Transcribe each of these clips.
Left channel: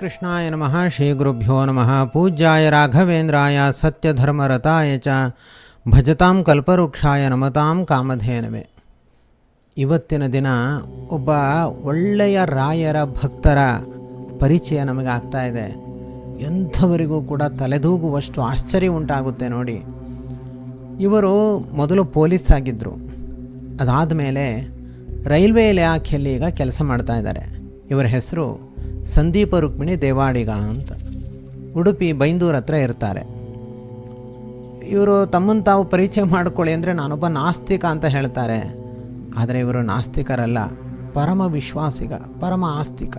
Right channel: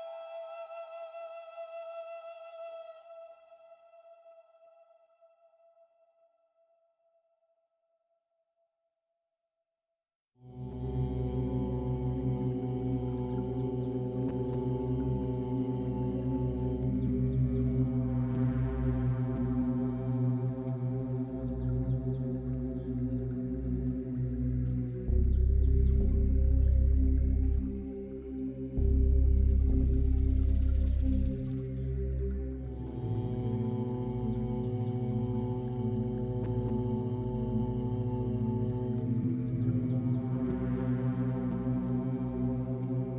ಶ್ರೀಕೃಷ್ಣಾಯ ನಮಃ ಶ್ರೀ ಗುರುಭ್ಯೋ ನಮಃ, ಪೂಜ್ಯಾಯ ರಾಘವೇಂದ್ರಾಯ, ಸತ್ಯಧರ್ಮರತಾಯ ಚ, ಭಜತಾಂ ಕಲ್ಪವೃಕ್ಷಾಯ ನಮತಾಂ ಕಾಮಧೇನವೇ. ಇವತ್ತಿನ ದಿನ ಒಬ್ಬ ಒಳ್ಳೆಯ ರಾಯರ ಭಕ್ತರ ಪರಿಚಯ ನಮಗೆ ಆಗ್ತಾ ಇದೆ. ಎಂಥವರಿಗೂ ಕೂಡ ತಲೆದೂಗುವಷ್ಟು ಆಶ್ಚರ್ಯ ಉಂಟಾಗುತ್ತೆ ನೋಡಿ. ಇವರು ಮೊದಲು ಪೊಲೀಸ್ ಆಗಿದ್ದರು ಅದಾದ ಮೇಲೆ ರೈಲ್ವೆ ಇಲಾಖೆಯಲ್ಲಿ ಈಗ ಕೆಲಸ ಮಾಡ್ತಾ ಇದ್ದಾರೆ. ಇವರ ಹೆಸರು ಸಂದೀಪ ರುಕ್ಮಿಣಿ ದೇವಾಡಿಗ ಅಂತ. ಉಡುಪಿ ಬೈಂದೂರ್ ಹತ್ರ ಇರ್ತಾರೆ. ಇವರು ತಮ್ಮನ್ನು ತಾವು ಪರಿಚಯ ಮಾಡಿಕೊಳ್ಳಿ ಅಂದರೆ ನಾನೊಬ್ಬ ನಾಸ್ತಿಕ ಅಂತ ಹೇಳ್ತಾರೆ. ಆದರೆ ಇವರು ನಾಸ್ತಿಕರಲ್ಲ, ಪರಮ ವಿಶ್ವಾಸಿಗ, ಪರಮ ಆಸ್ತಿಕ.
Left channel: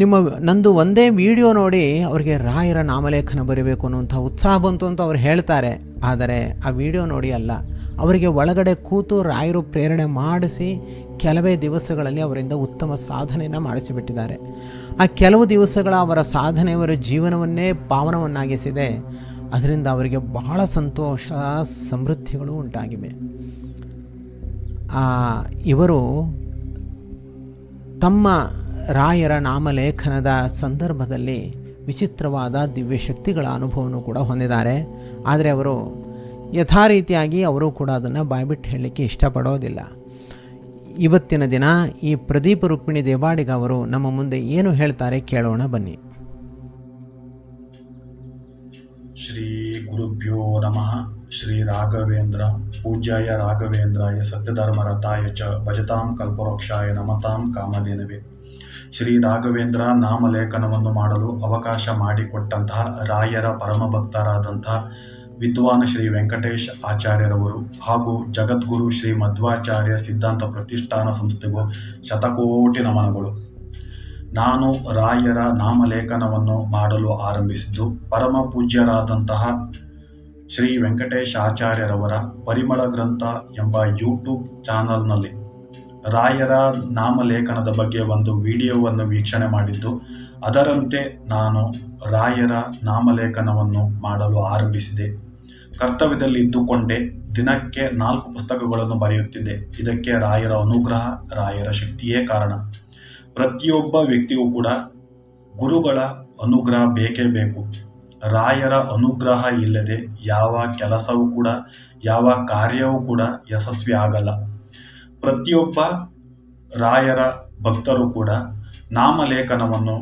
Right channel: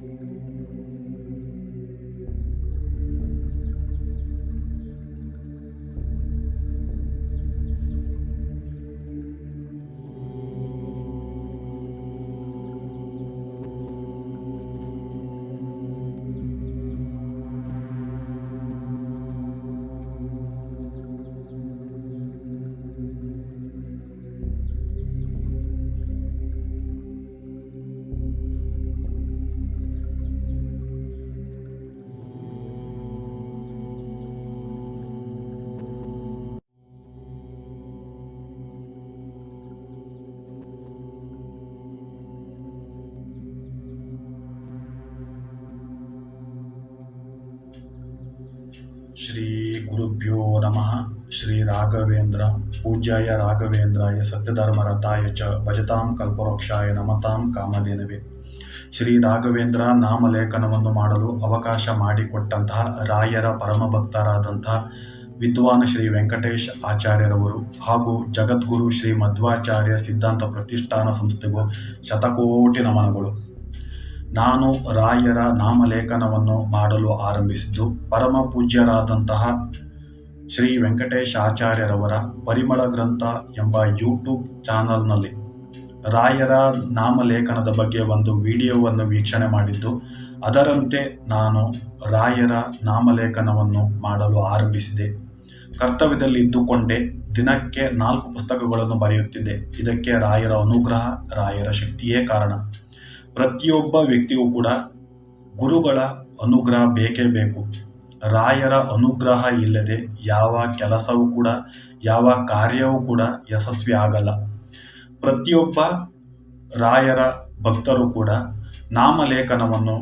ನಿಮ್ಮ ನಂದು ಒಂದೇ ವಿಡಿಯೋ ನೋಡಿ ಅವರಿಗೆ ರಾಯರ ನಾಮಲೇಖನ ಬರೀಬೇಕು ಅನ್ನುವಂಥ ಉತ್ಸಾಹ ಬಂತು ಅಂತ ಅವ್ರು ಹೇಳ್ತಾರೆ. ಆದರೆ ಆ ವಿಡಿಯೋ ನೋಡಿ ಅಲ್ಲ, ಅವರಿಗೆ ಒಳಗಡೆ ಕೂತು ರಾಯರು ಪ್ರೇರಣೆ ಮಾಡಿಸಿ ಕೆಲವೇ ದಿವಸಗಳಲ್ಲಿ ಅವರಿಂದ ಉತ್ತಮ ಸಾಧನೆಯನ್ನು ಮಾಡಿಸಿಬಿಟ್ಟಿದ್ದಾರೆ. ಆ ಕೆಲವು ದಿವಸಗಳ ಅವರ ಸಾಧನೆ ಅವರ ಜೀವನವನ್ನೇ ಪಾವನವನ್ನಾಗಿಸಿದೆ. ಅದರಿಂದ ಅವರಿಗೆ ಬಹಳ ಸಂತೋಷ, ಸಮೃದ್ಧಿಗಳು ಉಂಟಾಗಿವೆ. ಇವರು ತಮ್ಮ ರಾಯರ ನಾಮಲೇಖನದ ಸಂದರ್ಭದಲ್ಲಿ ವಿಚಿತ್ರವಾದ ದಿವ್ಯಶಕ್ತಿಗಳ ಅನುಭವವನ್ನು ಕೂಡ ಹೊಂದಿದ್ದಾರೆ. ಆದರೆ ಅವರು ಯಥಾರೀತಿಯಾಗಿ ಅವರು ಕೂಡ ಅದನ್ನು ಬಾಯ್ಬಿಟ್ಟು ಹೇಳಲಿಕ್ಕೆ ಇಷ್ಟಪಡೋದಿಲ್ಲ. ಇವತ್ತಿನ ದಿನ ಈ ಪ್ರದೀಪ ರುಕ್ಮಿಣಿ ದೇವಾಡಿಗ ಅವರು ನಮ್ಮ ಮುಂದೆ ಏನು ಹೇಳ್ತಾರೆ ಕೇಳೋಣ ಬನ್ನಿ. ಶ್ರೀ ಗುರುಭ್ಯೋ ನಮಃ. ಶ್ರೀ ರಾಘವೇಂದ್ರ ಪೂಜ್ಯಾಯ ರಾಘವೇಂದ್ರಾಯ ಸತ್ಯಧರ್ಮರತಾಯ ಚ ಭಜತಾಂ ಕಲ್ಪವೃಕ್ಷಾಯ ನಮತಾಂ ಕಾಮಧೇನವೇ. ಶ್ರೀ ರಾಘವೇಂದ್ರ ನಾಮಲೇಖನವನ್ನು ಮಾಡಲು ಅವಕಾಶ ಮಾಡಿಕೊಟ್ಟಂತಹ ರಾಯರ ಪರಮಭಕ್ತರಾದಂತಹ ವಿದ್ವಾನ್ ಶ್ರೀ ವೆಂಕಟೇಶ್ ಆಚಾರ್ಯರವರು ಹಾಗೂ ಜಗದ್ಗುರು ಶ್ರೀ ಮಧ್ವಾಚಾರ್ಯ ಸಿದ್ಧಾಂತ ಪ್ರತಿಷ್ಠಾನ ಸಂಸ್ಥೆಗೂ ಶತಕೋಟಿ ನಮನಗಳು. ನಾನು ರಾಯರ ನಾಮಲೇಖನವನ್ನು ಮಾಡಲು ಆರಂಭಿಸಿದ್ದು ಪರಮ ಪೂಜ್ಯರಾದಂತಹ ಶ್ರೀ ವೆಂಕಟೇಶ್ ಆಚಾರ್ಯರವರ ಪರಿಮಳ ಗ್ರಂಥ ಎಂಬ ಯೂಟ್ಯೂಬ್ ಚಾನಲ್ನಲ್ಲಿ. ರಾಯರ ನಾಮಲೇಖನದ ಬಗ್ಗೆ ಒಂದು ವಿಡಿಯೋವನ್ನು ವೀಕ್ಷಣೆ ಮಾಡಿದ್ದು ಅದರಂತೆ ನಾನು ರಾಯರ ನಾಮಲೇಖನವನ್ನು ಮಾಡಲು ಆರಂಭಿಸಿದೆ. ಕರ್ತವ್ಯದಲ್ಲಿ ಇದ್ದುಕೊಂಡೇ ದಿನಕ್ಕೆ ನಾಲ್ಕು ಪುಸ್ತಕಗಳನ್ನು ಬರೆಯುತ್ತಿದ್ದೆ. ಇದಕ್ಕೆ ರಾಯರ ಅನುಗ್ರಹ, ರಾಯರ ಶಕ್ತಿಯೇ ಕಾರಣ. ಪ್ರತಿಯೊಬ್ಬ ವ್ಯಕ್ತಿಗೂ ಕೂಡ ಗುರುಗಳ ಅನುಗ್ರಹ ಬೇಕೇ ಬೇಕು. ರಾಯರ ಅನುಗ್ರಹ ಇಲ್ಲದೆ ಯಾವ ಕೆಲಸವೂ ಕೂಡ, ಯಾವ ಕಾರ್ಯವೂ ಕೂಡ ಯಶಸ್ವಿ ಆಗಲ್ಲ. ಪ್ರತಿಯೊಬ್ಬ ರಾಯರ ಭಕ್ತರು ಕೂಡ ನಾಮಲೇಖನವನ್ನು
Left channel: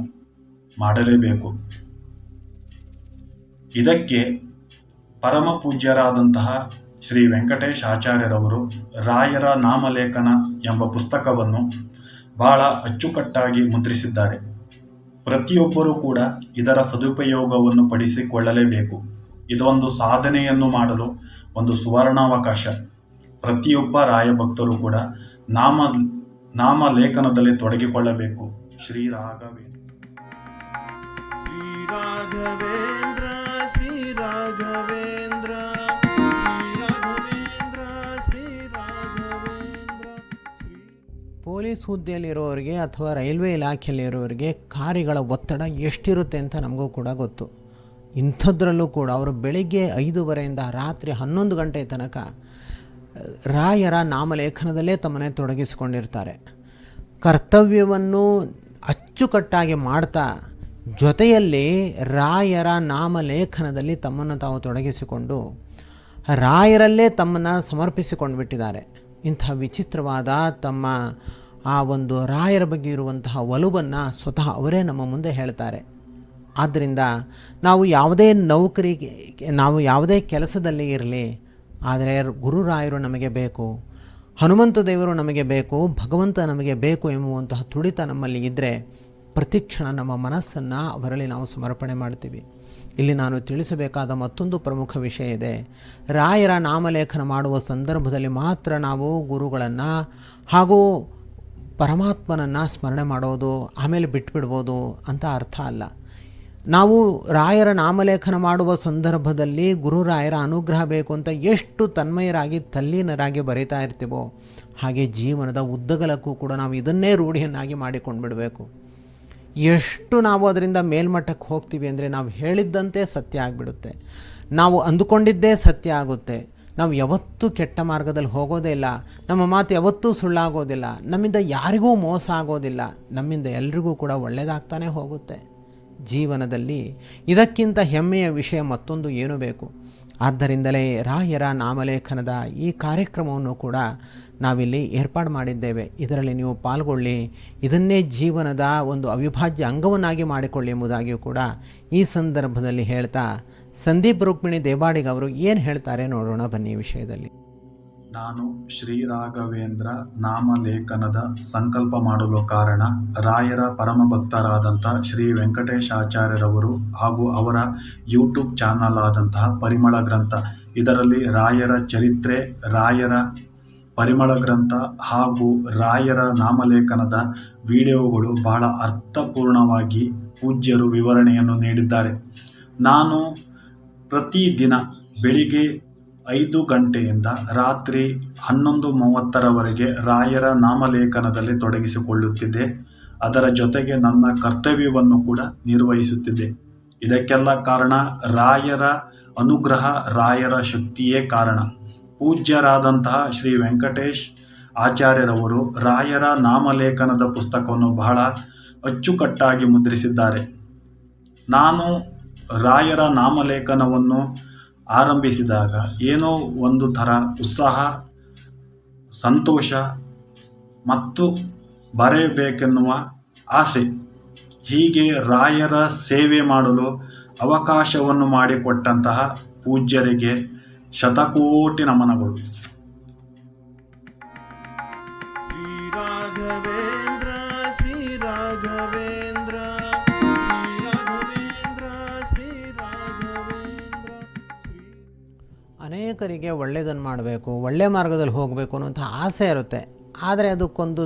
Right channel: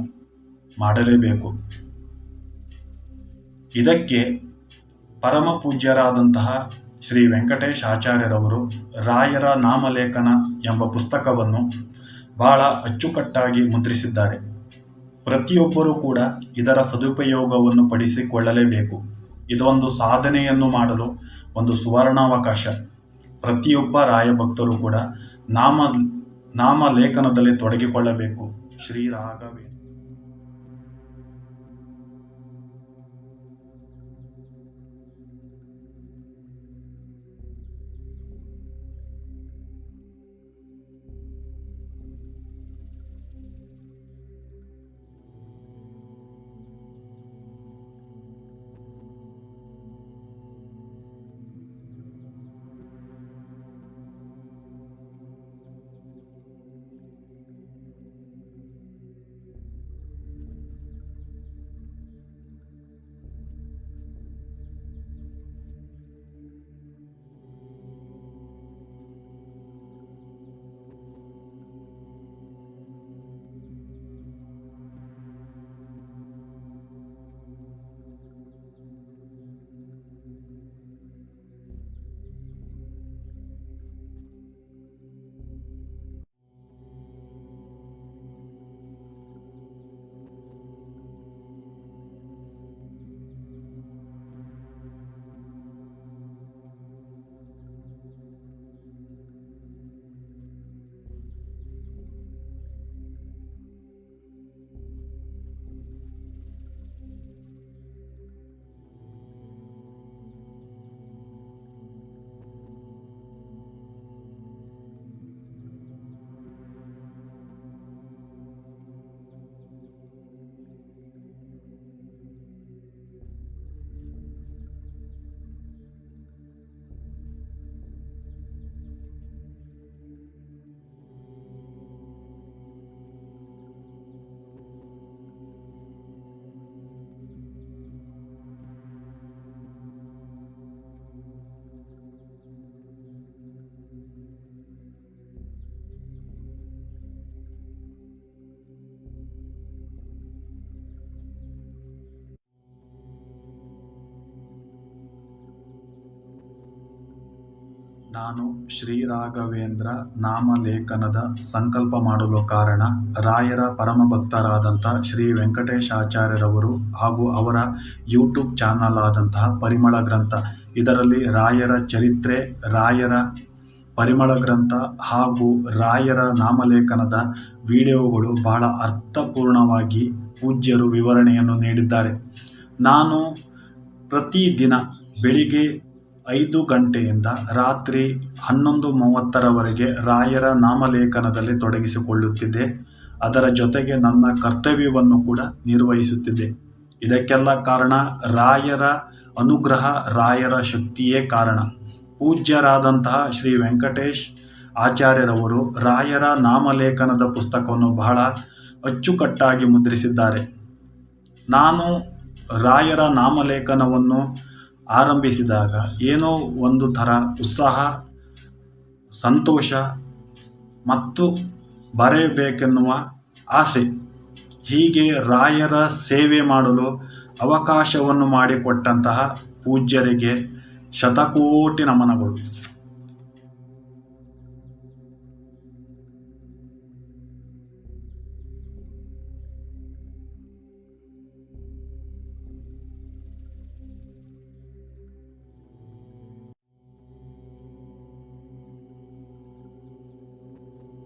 ಮಾಡಲೇಬೇಕು. ಇದಕ್ಕೆ ಪರಮ ಪೂಜ್ಯರಾದಂತಹ ಶ್ರೀ ವೆಂಕಟೇಶ್ ಆಚಾರ್ಯರವರು ರಾಯರ ನಾಮಲೇಖನ ಎಂಬ ಪುಸ್ತಕವನ್ನು ಬಹಳ ಅಚ್ಚುಕಟ್ಟಾಗಿ ಮುದ್ರಿಸಿದ್ದಾರೆ. ಪ್ರತಿಯೊಬ್ಬರೂ ಕೂಡ ಇದರ ಸದುಪಯೋಗವನ್ನು ಪಡಿಸಿಕೊಳ್ಳಲೇಬೇಕು. ಇದೊಂದು ಸಾಧನೆಯನ್ನು ಮಾಡಲು ಒಂದು ಸುವರ್ಣಾವಕಾಶ. ಪ್ರತಿಯೊಬ್ಬ ರಾಯ ಭಕ್ತರು ಕೂಡ ನಾಮ ನಾಮ ಲೇಖನದಲ್ಲಿ ತೊಡಗಿಕೊಳ್ಳಬೇಕು ಶ್ರೀ ರಾಘವೇಂದ್ರ. ಪೊಲೀಸ್ ಹುದ್ದೆಯಲ್ಲಿರೋರಿಗೆ ಅಥವಾ ರೈಲ್ವೆ ಇಲಾಖೆಯಲ್ಲಿರೋರಿಗೆ ಕಾರ್ಯಗಳ ಒತ್ತಡ ಎಷ್ಟಿರುತ್ತೆ ಅಂತ ನಮಗೂ ಕೂಡ ಗೊತ್ತು. ಇಂಥದ್ರಲ್ಲೂ ಕೂಡ ಅವರು ಬೆಳಿಗ್ಗೆ ಐದೂವರೆಯಿಂದ ರಾತ್ರಿ ಹನ್ನೊಂದು ಗಂಟೆ ತನಕ, ರಾಯರ ನಾಮಲೇಖನದಲ್ಲೇ ತಮ್ಮನ್ನೇ ತೊಡಗಿಸಿಕೊಂಡಿರ್ತಾರೆ. ಕರ್ತವ್ಯವನ್ನು ಅಚ್ಚುಕಟ್ಟಾಗಿ ಮಾಡ್ತಾ, ಜೊತೆಯಲ್ಲಿ ರಾಯರ ನಾಮಲೇಖನದಲ್ಲಿ ತಮ್ಮನ್ನು ತಾವು ತೊಡಗಿಸಿಕೊಂಡು, ರಾಯರಲ್ಲೇ ತಮ್ಮನ್ನು ಸಮರ್ಪಿಸಿಕೊಂಡು ಬಿಟ್ಟಿದ್ದಾರೆ ಇಂಥ ವಿಚಿತ್ರವಾದ ತಮ್ಮ ಆ ಒಂದು ರಾಯರ ಬಗ್ಗೆ ಇರುವಂತಹ ಒಲವನ್ನು ಸ್ವತಃ ಅವರೇ ನಮ್ಮ ಮುಂದೆ ಹೇಳ್ತಾರೆ. ಆದ್ದರಿಂದ ನಾವು ಯಾವುದೇ ನೌಕರಿ ನಾವು ಯಾವುದೇ ಕೆಲಸದಲ್ಲಿ ಇರಲಿ, ಆದರೆ ಗುರುರಾಯರು ನಮಗೆ ಬೇಕು, ಹನುಮಂತ ದೇವರು ನಮಗೆ ಬೇಕು, ಭಗವಂತ ನಮಗೆ ಬೇಕು ಎಂಬುವಂತಹ ತುಡಿತ ನಮ್ಮಲ್ಲಿ ಇದ್ದರೆ ಪ್ರತಿಕ್ಷಣ ನಮ್ಮ ಮನಸ್ಸನ್ನು ಅವರಲ್ಲಿ ನಾವು ಸಮರ್ಪಣೆ ಮಾಡ್ತೀವಿ. ಇಲ್ಲಿ ನಾನು ತಿಳಿಸಬೇಕಾದ ಮತ್ತೊಂದು ಪ್ರಮುಖ ವಿಷಯ ಇದೆ. ರಾಯರ ನಾಮಲೇಖನ ಮಾಡುವ ಸಂದರ್ಭದಲ್ಲಿ ಮಾತ್ರ ನಾವು ಗುರುಗಳನ್ನು ಹಾಗೂ ಪರಮಾತ್ಮನನ್ನು ಸ್ಮರಣೆ ಮಾಡೋದು, ಆಮೇಲೆ ಬಿಟ್ಬಿಡ್ಬೋದು ಅಂತ ಅರ್ಥ ಅಲ್ಲ. ನಾವು ರಾಯರ ನಾಮಲೇಖನ ಮಾಡುವ ಸಂದರ್ಭದಲ್ಲಿ ಗುರುರಾಯರ ಅನುಗ್ರಹ ಬೇಕು ಅಂತ ಎಷ್ಟು ತನ್ಮಯರಾಗಿ, ತಲ್ಲೀನರಾಗಿ ಬರೀತಾ ಇರ್ತೀವೋ, ಹಾಗೆ ಜೀವನದ ಉದ್ದಗಲಕ್ಕೂ ಕೂಡ ನಾವು ಇದನ್ನೇ ರೂಢಿಯನ್ನಾಗಿ ಮಾಡಿಕೊಂಡು ಬಿಡಬೇಕು ಎಷ್ಟು ನಾವು ಅದರಿಂದ ಮೇಲ್ಮಟ್ಟಕ್ಕೆ ಹೋಗ್ತೀವಿ ಅಂದರೆ ನಾವು ಹೇಳಿದ್ದಂತೆ ಸತ್ಯ ಆಗಿಬಿಡುತ್ತೆ. ನಾವು ಅಂದುಕೊಂಡಿದ್ದೇ ಸತ್ಯ ಆಗುತ್ತೆ. ನಾವು ಯಾವತ್ತೂ ಕೆಟ್ಟ ಮಾರ್ಗದಲ್ಲಿ ಹೋಗೋದೇ ಇಲ್ಲ. ನಮ್ಮ ಮಾತು ಯಾವತ್ತೂ ಸುಳ್ಳಾಗೋದಿಲ್ಲ. ನಮ್ಮಿಂದ ಯಾರಿಗೂ ಮೋಸ ಆಗೋದಿಲ್ಲ. ನಮ್ಮಿಂದ ಎಲ್ರಿಗೂ ಕೂಡ ಒಳ್ಳೆಯದಾಗ್ತಾನೆ ಹೋಗುತ್ತೆ. ಜೀವನದಲ್ಲಿ ಇದಕ್ಕಿಂತ ಹೆಮ್ಮೆಯ ವಿಷಯ ಮತ್ತೊಂದು ಏನು ಬೇಕು? ಆದ್ದರಿಂದಲೇ ರಾಯರ ನಾಮಲೇಖನದ ಈ ಕಾರ್ಯಕ್ರಮವನ್ನು ಕೂಡ ನಾವಿಲ್ಲಿ ಏರ್ಪಾಡು ಮಾಡಿದ್ದೇವೆ. ಇದರಲ್ಲಿ ನೀವು ಪಾಲ್ಗೊಳ್ಳಿ. ಇದನ್ನೇ ಜೀವನದ ಒಂದು ಅವಿಭಾಜ್ಯ ಅಂಗವನ್ನಾಗಿ ಮಾಡಿಕೊಳ್ಳಿ ಎಂಬುದಾಗಿಯೂ ಕೂಡ ಈ ಸಂದರ್ಭದಲ್ಲಿ ಹೇಳ್ತಾ ಸಂದೀಪ್ ರುಕ್ಮಿಣಿ ದೇವಾಡಿಗ ಅವರು ಏನು ಹೇಳ್ತಾರೆ ನೋಡೋಣ ಬನ್ನಿ ವಿಷಯದಲ್ಲಿ. ನಾನು ಶ್ರೀರಾಘವೇಂದ್ರ ನಾಮಲೇಖನದ ಸಂಕಲ್ಪ ಮಾಡಲು ಕಾರಣ ರಾಯರ ಪರಮ ಭಕ್ತರಾದಂಥ ಶ್ರೀ ವೆಂಕಟೇಶಾಚಾರ್ಯರವರು ಹಾಗೂ ಅವರ ಯೂಟ್ಯೂಬ್ ಚಾನಲ್ ಆದಂತಹ ಪರಿಮಳ ಗ್ರಂಥ, ಇದರಲ್ಲಿ ರಾಯರ ಚರಿತ್ರೆ, ರಾಯರ ಪರಿಮಳ ಗ್ರಂಥ ಹಾಗೂ ರಾಯರ ನಾಮಲೇಖನದ ವಿಡಿಯೋಗಳು ಬಹಳ ಅರ್ಥಪೂರ್ಣವಾಗಿ ಪೂಜ್ಯರು ವಿವರಣೆಯನ್ನು ನೀಡಿದ್ದಾರೆ. ನಾನು ಪ್ರತಿದಿನ ಬೆಳಿಗ್ಗೆ ಐದು ಗಂಟೆಯಿಂದ ರಾತ್ರಿ ಹನ್ನೊಂದು ಮೂವತ್ತರವರೆಗೆ ರಾಯರ ನಾಮಲೇಖನದಲ್ಲಿ ತೊಡಗಿಸಿಕೊಳ್ಳುತ್ತಿದ್ದೆ. ಅದರ ಜೊತೆಗೆ ನನ್ನ ಕರ್ತವ್ಯವನ್ನು ಕೂಡ ನಿರ್ವಹಿಸುತ್ತಿದ್ದೆ. ಇದಕ್ಕೆಲ್ಲ ಕಾರಣ ರಾಯರ ಅನುಗ್ರಹ, ರಾಯರ ಶಕ್ತಿಯೇ ಕಾರಣ. ಪೂಜ್ಯರಾದಂತಹ ಶ್ರೀ ವೆಂಕಟೇಶ್ ಆಚಾರ್ಯರವರು ರಾಯರ ನಾಮಲೇಖನದ ಪುಸ್ತಕವನ್ನು ಬಹಳ ಅಚ್ಚುಕಟ್ಟಾಗಿ ಮುದ್ರಿಸಿದ್ದಾರೆ. ನಾನು ರಾಯರ ನಾಮಲೇಖನವನ್ನು ಆರಂಭಿಸಿದಾಗ ಏನೋ ಒಂದು ಥರ ಉತ್ಸಾಹ, ಸಂತೋಷ ಮತ್ತು ಬರೆಯಬೇಕೆನ್ನುವ ಆಸೆ. ಹೀಗೆ ರಾಯರ ಸೇವೆ ಮಾಡಲು ಅವಕಾಶವನ್ನು ಮಾಡಿಕೊಟ್ಟಂತಹ ಪೂಜ್ಯರಿಗೆ ಶತಕೋಟಿ ನಮನಗಳು. ಅನೇಕರಿಗೆ ಒಳ್ಳೆಯದನ್ನು ಮಾಡಬೇಕು ಒಳ್ಳೆಯ ಮಾರ್ಗದಲ್ಲಿ ಹೋಗಬೇಕು ಅನ್ನೋಂಥ ಆಸೆ ಇರುತ್ತೆ. ಆದರೆ ಅದಕ್ಕೊಂದು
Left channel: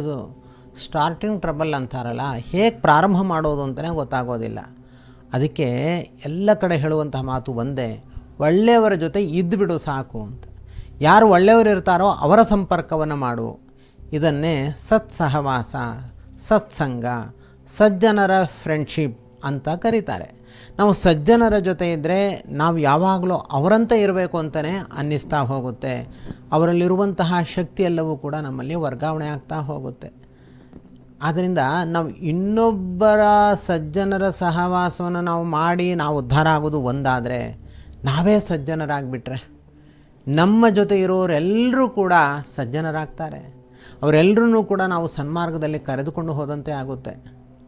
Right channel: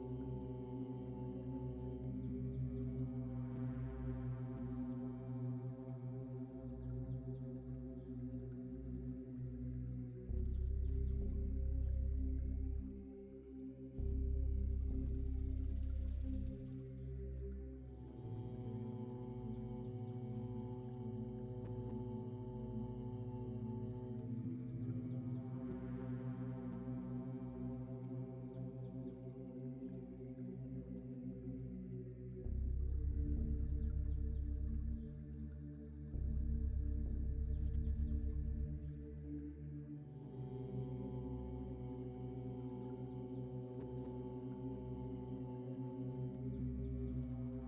ಸ್ಟಾರ್ಟಿಂಗ್ ಟ್ರಬಲ್ ಅಂತಾರಲ್ಲ, ಹೇಗೆ ಪ್ರಾರಂಭ ಮಾಡೋದು ಅಂತಲೇ ಗೊತ್ತಾಗೋದಿಲ್ಲ. ಅದಕ್ಕೆ ಎಲ್ಲ ಕಡೆ ಹೇಳುವಂತಹ ಮಾತು ಒಂದೇ, ಒಳ್ಳೆಯವರ ಜೊತೆ ಇದ್ದುಬಿಡು ಸಾಕು ಅಂತ. ಯಾರು ಒಳ್ಳೆಯವರು ಇರ್ತಾರೋ ಅವರ ಸಂಪರ್ಕವನ್ನು ಮಾಡು. ಇದನ್ನೇ ಸತ್ಸಹವಾಸ, ಸತ್ಸಂಗ, ಸಜ್ಜನರ ಫ್ರೆಂಡ್ಶಿಪ್ ಅಂತ ಕರೀತಾರೆ. ನಾವು ಸಜ್ಜನರ ಜೊತೆ ಇದ್ದರೆ ನಾವು ಯಾವಾಗಲೂ ಅವರಂತೆ ಇರಬೇಕು ಅಂತಲೇ ಅನ್ನಿಸ್ತಾ ಹೋಗುತ್ತೆ. ಅವರಲ್ಲಿರುವಂತಹ ಶಕ್ತಿ ಎಲ್ಲವೂ ಕೂಡ ನಮ್ಮಲ್ಲಿ ವರ್ಗಾವಣೆ ಆಗ್ತಾ ಹೋಗುತ್ತೆ. ಆದ್ದರಿಂದ ನಾವು ಇನ್ನೊಬ್ಬರ ಸಜ್ಜನರ ಸಹವಾಸವನ್ನು ನಾವು ಮಾಡಿ ನಾವು ಉದ್ಧಾರ ಆಗೋದು ಒಂದಾದರೆ ನಾವೇ ಸಜ್ಜನರಾಗಿಬಿಟ್ರೆ. ನಮ್ಮ ಜೊತೆ ಇರೋರೆಲ್ಲರೂ ಕೂಡ ಸಜ್ಜನರಾಗ್ತಾರೆ. ಅವರೆಲ್ಲರೂ ಕೂಡ ನಾವು ಸನ್ಮಾರ್ಗದಲ್ಲಿ ಕರೆದುಕೊಂಡು ಹೋದಂತೆ ಆಗುತ್ತೆ.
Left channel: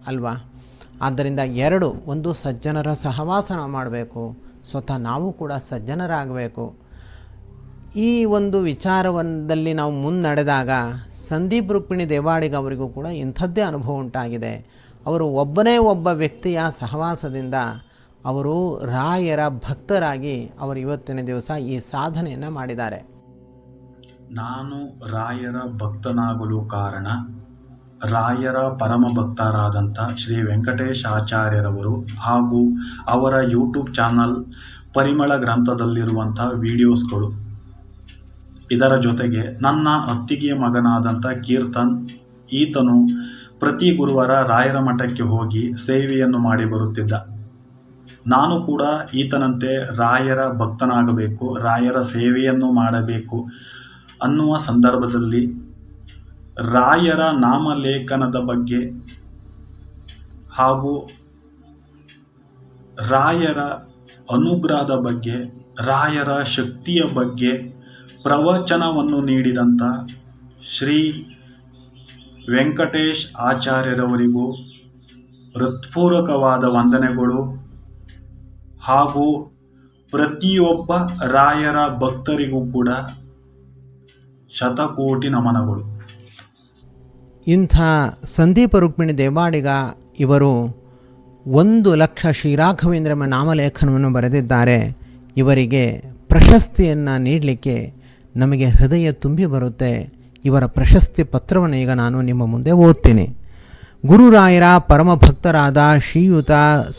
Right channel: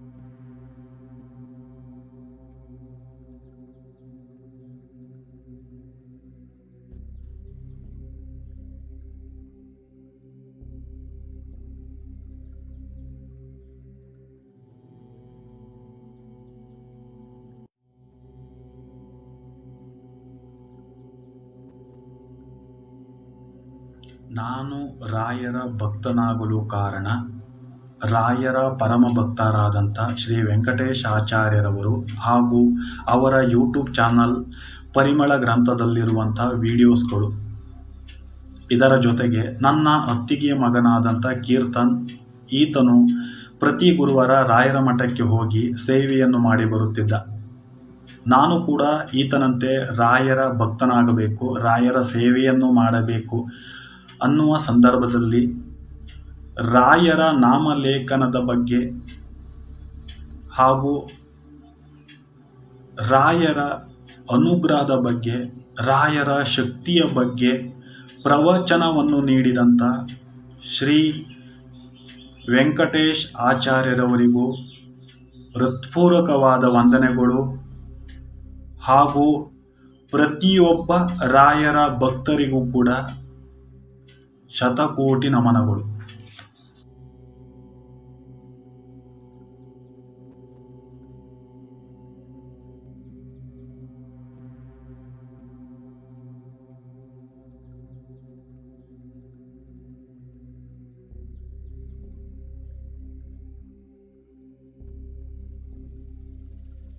ಅಲ್ವಾ? ಆದ್ದರಿಂದ ಎರಡು, ಒಂದು ಸಜ್ಜನರ ಸಹವಾಸ ಮಾಡಬೇಕು, ಸ್ವತಃ ನಾವು ಕೂಡ ಸಜ್ಜನರಾಗಬೇಕು. ಈ ಒಂದು ವಿಚಾರವೊಂದಲ್ಲಿ ನಾವು ಮುನ್ನಡೆದಾಗ ಸಂದೀಪ್ ರುಕ್ಮಿಣಿ ದೇವಾಡಿಗ ಅವರಿಗೂ ಕೂಡ ಇಂಥದ್ದೇ ಅನುಭವ ಉಂಟಾಗಿದೆ. ಅವರು ಒಬ್ಬನೇ ಒಬ್ಬ ವ್ಯಕ್ತಿಯ ಸಹವಾಸದಿಂದ ಅವರು ರಾಯರ ಭಕ್ತರಾಗಿ ಅವರು ಇವತ್ತಿನ ದಿವಸ ಈ ಸಾಧನೆಯನ್ನು ಮಾಡಿದ್ದಾರೆ. ನಾನು ರಾಯರ ಭಕ್ತನಾಗಲು ಕಾರಣ ರಾಯರ ಪರಮ ಭಕ್ತರಾದಂಥ ಶ್ರೀ ವೆಂಕಟೇಶ ಆಚಾರ್ಯರವರು ಹಾಗೂ ಅವರ ಯೂಟ್ಯೂಬ್ ಚಾನಲ್ ಪರಿಮಳ ಗ್ರಂಥದಲ್ಲಿರುವಂಥ ವಿಡಿಯೋಸ್ಗಳು. ಇದರ ಜೊತೆಗೆ ನನ್ನ ಅತ್ತಿಗೆಯ ಮಗನಾದಂಥ ಕೀರ್ತನ್, ಈತನು ಪ್ರತಿ ಗುರುವಾರ ರಾಯರ ಮಠಕ್ಕೆ ಹೋಗಿ ಸೇವೆಯನ್ನು ಮಾಡಿ ಬರುತ್ತಿದ್ದ. ನಾನು ಕೂಡ ಈತನಂತೆ ರಾಯರ ಭಕ್ತನಾಗಬೇಕು, ರಾಯರ ಸೇವೆಯನ್ನು ಮಾಡಬೇಕು ಅನ್ನುವ ಸಂದರ್ಭದಲ್ಲಿ ರಾಯರ ನಾಮಲೇಖನದ ಬಗ್ಗೆ ಹಾಗೂ ರಾಯರ ಅನುಗ್ರಹದ ಬಗ್ಗೆ, ರಾಯರ ಶಕ್ತಿಯ ಬಗ್ಗೆ ಪ್ರವಚನವನ್ನು ನೀಡಿದಂಥ ಶ್ರೀ ವೆಂಕಟೇಶ್ ಆಚಾರ್ಯರವರಿಗೂ ಹೃತ್ಪೂರ್ವಕವಾದ ವಂದನೆಗಳು ಹಾಗೂ ಪ್ರತಿಯೊಬ್ಬ ರಾಯರ ಭಕ್ತರಿಗೂ ಕೂಡ ಶತಕೋಟಿ ನಮನಗಳು. ಇಂಥ ಸಂದೀಪ ರುಕ್ಮಿಣಿ ದೇವಾಡಿಗ ಇವರು ಒಂದು ಲಕ್ಷ ಶ್ರೀರಾಘವೇಂದ್ರ ಎಂಬ ನಾಮಲೇಖನವನ್ನು ಬರೆದಿದ್ದಾರೆ. ಇವರಿಗೆ ಪ್ರಶಸ್ತಿಯನ್ನು ನೀಡಲಿಕ್ಕೆ ನಮಗೆ ಹೃದಯ ತುಂಬಿ ಬರುತ್ತೆ. ಇವರ ಪ್ರಶಸ್ತಿ ಪತ್ರವನ್ನು ಈಗ ನಾನು ನಿಮ್ಮ ಮುಂದೆ ಓದ್ತೀನಿ. ಗುರುರಾಯರ ಪರಮ ಭಕ್ತರಾದ ಶ್ರೀಯುತ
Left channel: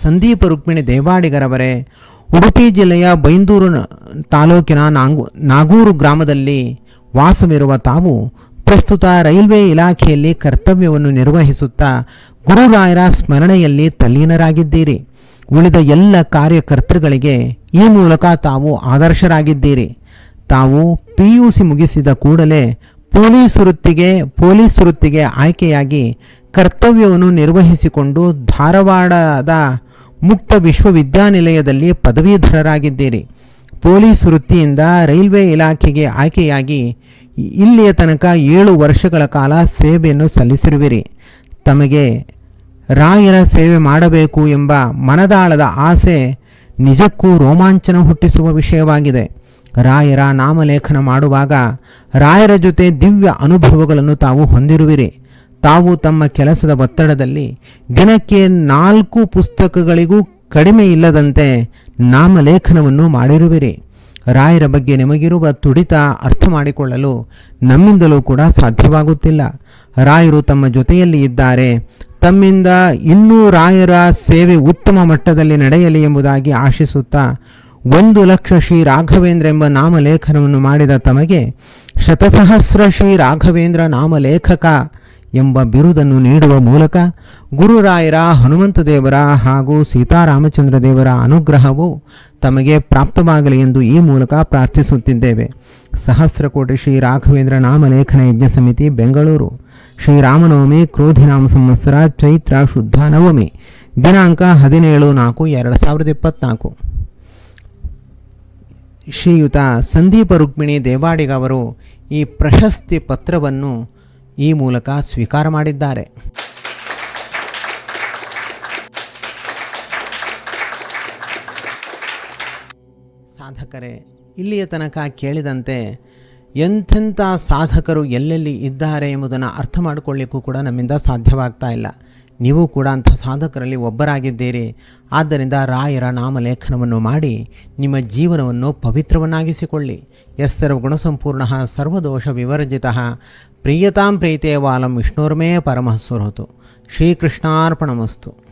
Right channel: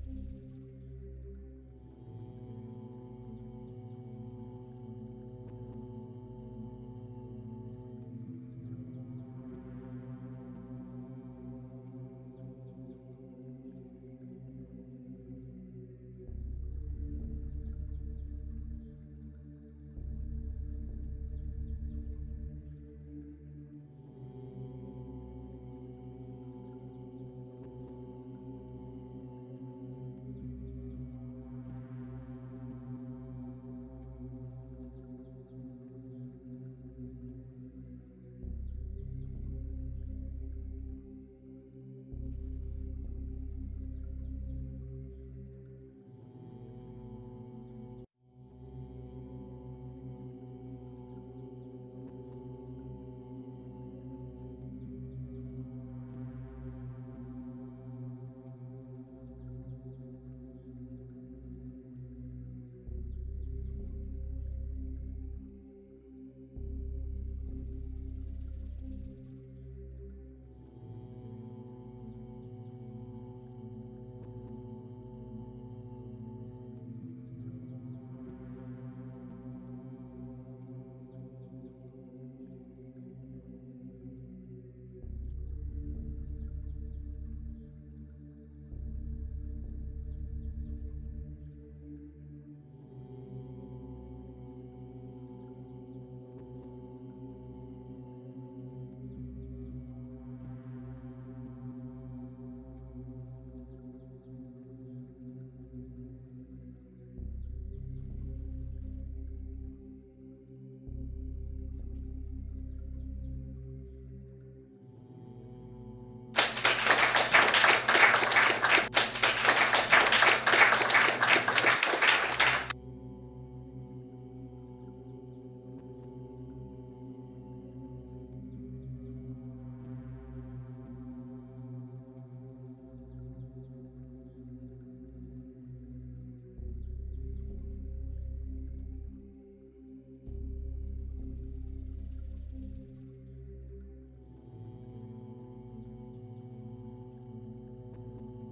ಸಂದೀಪ ರುಕ್ಮಿಣಿ ದೇವಾಡಿಗರವರೇ, ಉಡುಪಿ ಜಿಲ್ಲೆಯ ಬೈಂದೂರು ತಾಲೂಕಿನ ನಾಂಗು ನಾಗೂರು ಗ್ರಾಮದಲ್ಲಿ ವಾಸವಿರುವ ತಾವು ಪ್ರಸ್ತುತ ರೈಲ್ವೆ ಇಲಾಖೆಯಲ್ಲಿ ಕರ್ತವ್ಯವನ್ನು ನಿರ್ವಹಿಸುತ್ತಾ ಗುರುರಾಯರ ಸ್ಮರಣೆಯಲ್ಲಿ ತಲ್ಲೀನರಾಗಿದ್ದೀರಿ. ಉಳಿದ ಎಲ್ಲ ಕಾರ್ಯಕರ್ತೃಗಳಿಗೆ ಈ ಮೂಲಕ ತಾವು ಆದರ್ಶರಾಗಿದ್ದೀರಿ. ತಾವು ಪಿ ಯು ಸಿ ಮುಗಿಸಿದ ಕೂಡಲೇ ಪೊಲೀಸ್ ವೃತ್ತಿಗೆ ಪೊಲೀಸ್ ವೃತ್ತಿಗೆ ಆಯ್ಕೆಯಾಗಿ ಕರ್ತವ್ಯವನ್ನು ನಿರ್ವಹಿಸಿಕೊಂಡು ಧಾರವಾಡದ ಮುಕ್ತ ವಿಶ್ವವಿದ್ಯಾನಿಲಯದಲ್ಲಿ ಪದವೀಧರರಾಗಿದ್ದೀರಿ. ಪೊಲೀಸ್ ವೃತ್ತಿಯಿಂದ ರೈಲ್ವೆ ಇಲಾಖೆಗೆ ಆಯ್ಕೆಯಾಗಿ ಇಲ್ಲಿಯ ತನಕ ಏಳು ವರ್ಷಗಳ ಕಾಲ ಸೇವೆಯನ್ನು ಸಲ್ಲಿಸಿರುವಿರಿ. ತಮಗೆ ರಾಯರ ಸೇವೆ ಮಾಡಬೇಕು ಎಂಬ ಮನದಾಳದ ಆಸೆ ನಿಜಕ್ಕೂ ರೋಮಾಂಚನ ಹುಟ್ಟಿಸುವ ವಿಷಯವಾಗಿದೆ. ರಾಯರ ನಾಮಲೇಖನ ಮಾಡುವಾಗ ರಾಯರ ಜೊತೆ ದಿವ್ಯ ಅನುಭವಗಳನ್ನು ತಾವು ಹೊಂದಿರುವಿರಿ. ತಾವು ತಮ್ಮ ಕೆಲಸದ ಒತ್ತಡದಲ್ಲಿ ದಿನಕ್ಕೆ ನಾಲ್ಕು ಪುಸ್ತಕಗಳಿಗೂ ಕಡಿಮೆ ಇಲ್ಲದಂತೆ ನಾಮಲೇಖನವನ್ನು ಮಾಡಿರುವಿರಿ. ರಾಯರ ಬಗ್ಗೆ ನಿಮಗಿರುವ ತುಡಿತ ಅರ್ಥ ಮಾಡಿಕೊಳ್ಳಲು ನಮ್ಮಿಂದಲೂ ಕೂಡ ಸಾಧ್ಯವಾಗುತ್ತಿಲ್ಲ. ರಾಯರು ತಮ್ಮ ಜೊತೆಯಲ್ಲಿ ಇದ್ದಾರೆ. ತಮ್ಮಿಂದ ಇನ್ನೂ ರಾಯರ ಸೇವೆ ಉತ್ತಮ ಮಟ್ಟದಲ್ಲಿ ನಡೆಯಲಿ ಎಂಬುದಾಗಿ ಆಶಿಸುತ್ತಾ ಒಂದು ಲಕ್ಷ ಶ್ರೀ ರಾಘವೇಂದ್ರ ಎಂಬ ನಾಮಲೇಖನವನ್ನು ಮಾಡಿದ ತಮಗೆ ಶತಸಹಸ್ರ ಶ್ರೀ ರಾಘವೇಂದ್ರ ನಾಮಲೇಖಕ ಎಂಬ ಬಿರುದನ್ನು ನೀಡುವ ಮೂಲಕ ಗುರುರಾಯರ, ಹನುಮಂತ ದೇವರ ಹಾಗೂ ಸೀತಾರಾಮಚಂದ್ರ ದೇವರ ಅನುಗ್ರಹವು ತಮಗೆ ಪ್ರಾಪ್ತವಾಗಲಿ ಎಂದು ಈ ಮೂಲಕ ಪ್ರಾರ್ಥಿಸುತ್ತಿದ್ದೇವೆ. ಸಹಸ್ರಕೋಟಿ ಶ್ರೀ ರಾಘವೇಂದ್ರ ನಾಮಲೇಖನ ಯಜ್ಞ ಸಮಿತಿ, ಬೆಂಗಳೂರು. ಶ್ರೀರಾಮನವಮಿ ಕ್ರೋಧಿನಾಮ ಸಂವತ್ಸರ, ಚೈತ್ರ ಶುದ್ಧ ನವಮಿ, ದಿನಾಂಕ ಹದಿನೇಳು ನಾಲ್ಕು, ಎರಡು ಸಾವಿರದ ಇಪ್ಪತ್ನಾಲ್ಕು. ಶ್ರೀಯುತ ಸಂದೀಪ ರುಕ್ಮಿಣಿ ದೇವಾಡಿಗ ಅವರು ಈ ಪ್ರಶಸ್ತಿ ಪತ್ರವನ್ನು ಈ ಮೂಲಕ ಸ್ವೀಕಾರ ಮಾಡಿದ್ದಾರೆ. ಸಾಧಕರೇ, ಇಲ್ಲಿಯ ತನಕ ಕೇಳಿದಂತೆ ಎಂಥೆಂಥ ಸಾಧಕರು ಎಲ್ಲೆಲ್ಲಿ ಇದ್ದಾರೆ ಎಂಬುದನ್ನು ಅರ್ಥ ಮಾಡಿಕೊಳ್ಳಿಕ್ಕೂ ಕೂಡ ನಮ್ಮಿಂದ ಸಾಧ್ಯವಾಗ್ತಾ ಇಲ್ಲ. ನೀವು ಕೂಡ ಅಂಥ ಸಾಧಕರಲ್ಲಿ ಒಬ್ಬರಾಗಿದ್ದೀರಿ. ಆದ್ದರಿಂದ ರಾಯರ ನಾಮಲೇಖನವನ್ನು ಮಾಡಿ ನಿಮ್ಮ ಜೀವನವನ್ನು ಪವಿತ್ರವನ್ನಾಗಿಸಿಕೊಳ್ಳಿ. ಎಸ್ಸರ್ವ ಗುಣಸಂಪೂರ್ಣ ಸರ್ವದೋಷ ವಿವರ್ಜಿತ. ಪ್ರಿಯತಾಂ ಪ್ರೀತೇ ವಾಲಂ ವಿಷ್ಣುರ್ಮೇ ಪರಮಃ ಸುರತು. ಶ್ರೀಕೃಷ್ಣಾರ್ಪಣಮಸ್ತು.